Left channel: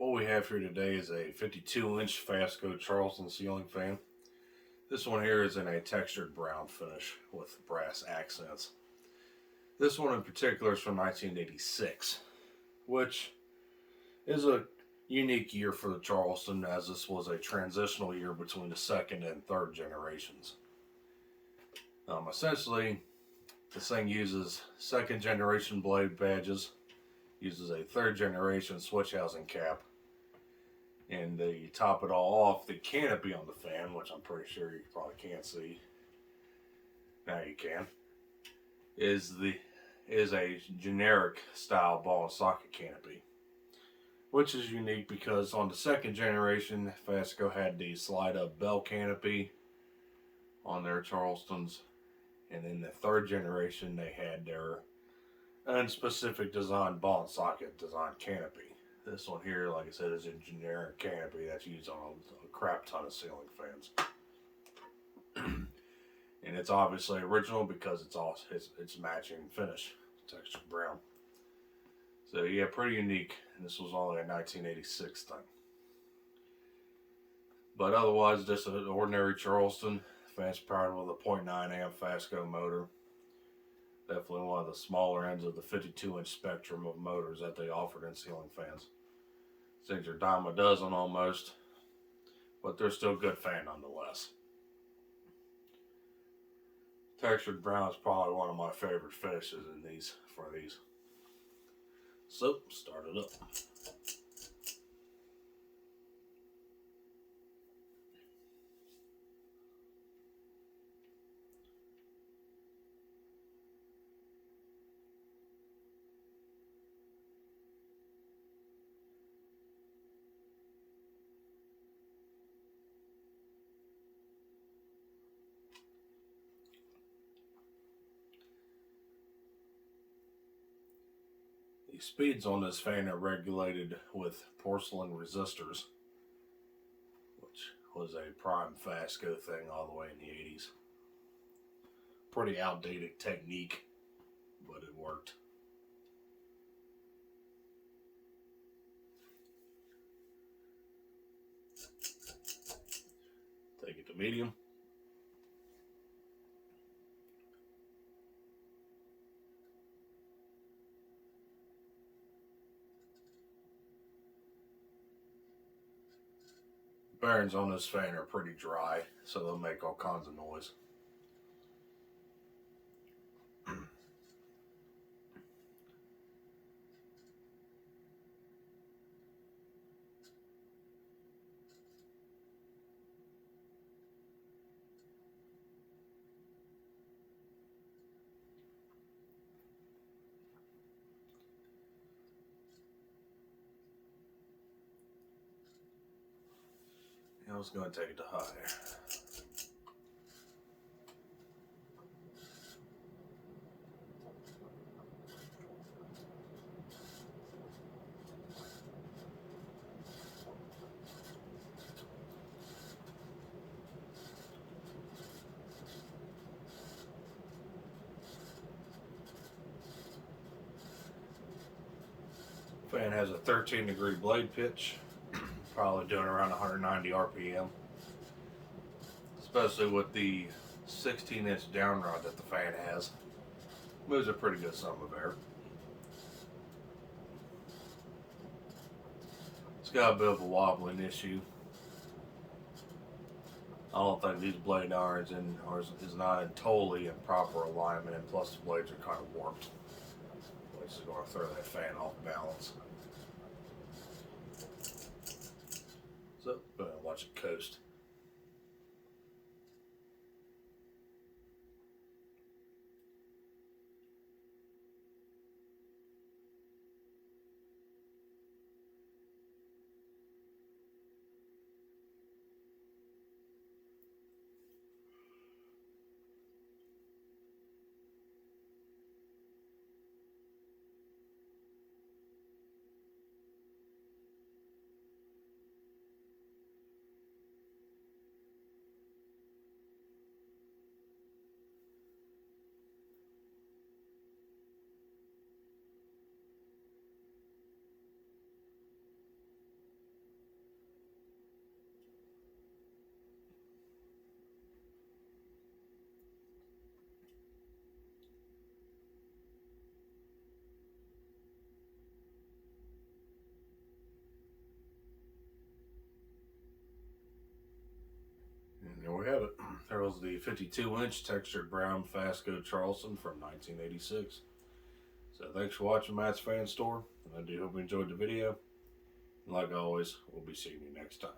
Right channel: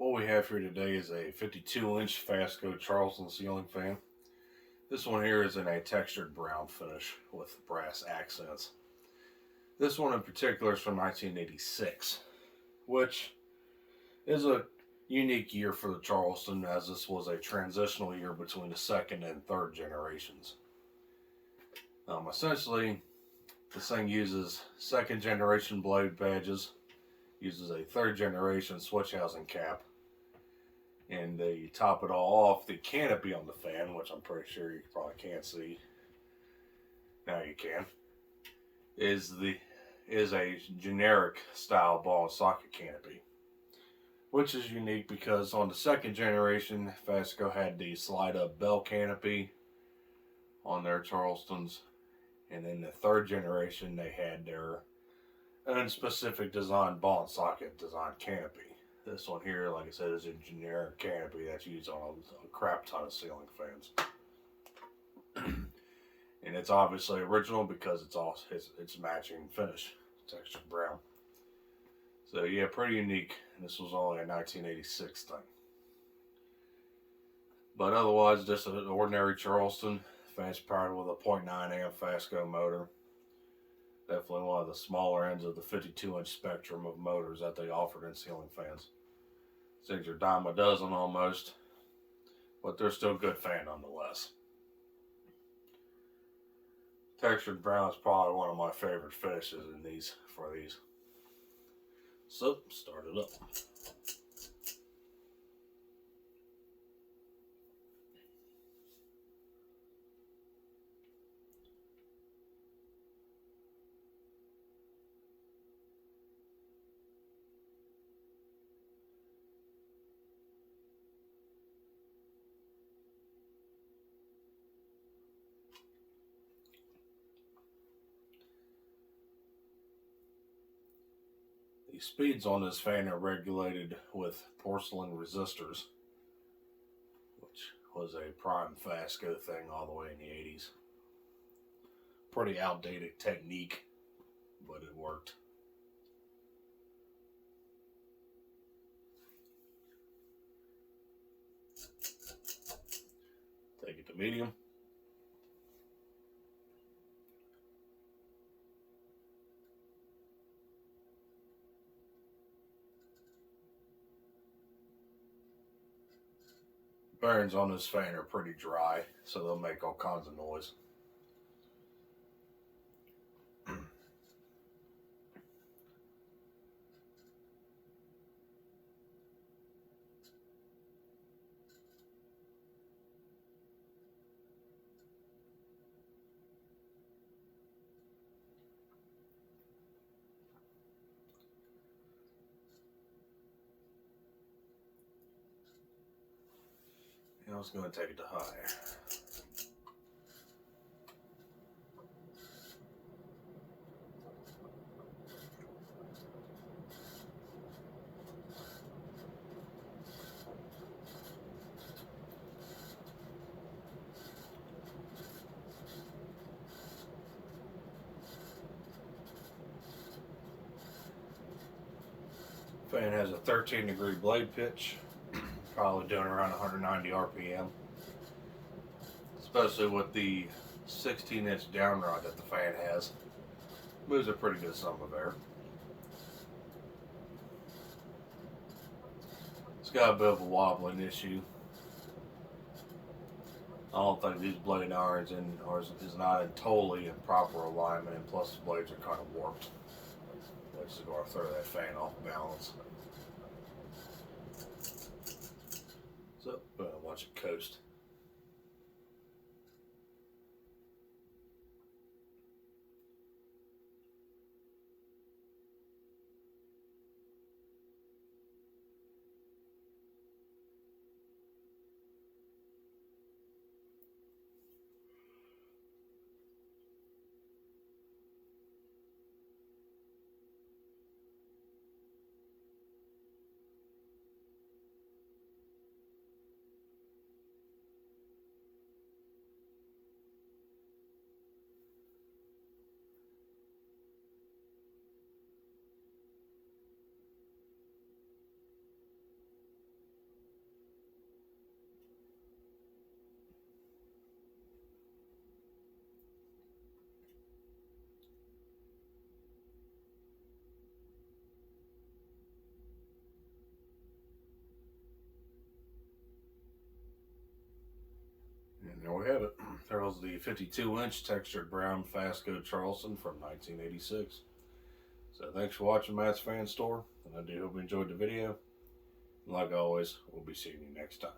What we have here today is a 52-inch Fasco Charleston ceiling fan. This one here is in a textured brown finish with brass accents. This one in particular is from 1986, which is a unique year for the Charleston, as this was a transitional year between the second and third generations. Essentially, this thing uses second generation blade badges, uses a third generation switch housing cap, and they top it all off. The canopy on the fan, which I'm pretty sure you probably can't see, now you can, is a generic style ball and socket canopy, which is unique because on the second generation, Fasco had the slide up bell canopy on their Charlestons, and in the third generation they had their own specific design ball and socket design canopy. This one here, like I said, is a generic canopy that's used on a crap ton of ceiling fans. And it's obviously original because it's matching finish, textured brown. So yeah, pretty unique. And this was only a 1986 thing. But otherwise, just an ordinary Charleston. Fan's powered with a 0.9 amp Fasco motor. Definitely one of the smaller ends of the 52-inch spectrum of motors that they offered in ceiling fans. Things are dime a dozen almost, but they're still good fan nonetheless. Textured brown is probably one of my favorite finishes in these. So, start it up. The speeds on this fan are regulated with porcelain resistors, which was a prime Fasco thing all the way in the 80s. Pretty outdated technique, but it worked. Take it to medium. Bearings on this fan are pretty dry, so they'll make all kinds of noise. I was going to take it to high. Fan has a 13-degree blade pitch, probably doing around 190 RPM. Especially with the 16-inch down rod that the fan has. Moves a pretty good sum of air. It's got a bit of a wobbling issue. I don't think these blade irons is not in totally in proper alignment, and plus the blades are kind of warped, which is going to throw that fan off balance. So go ahead and watch it coast. And there we have it. There was the 52-inch textured brown Fasco Charleston from 1986. So thanks for watching Matt's Fan Store, and I do hope you enjoyed the video. And like always, we'll be seeing you next time.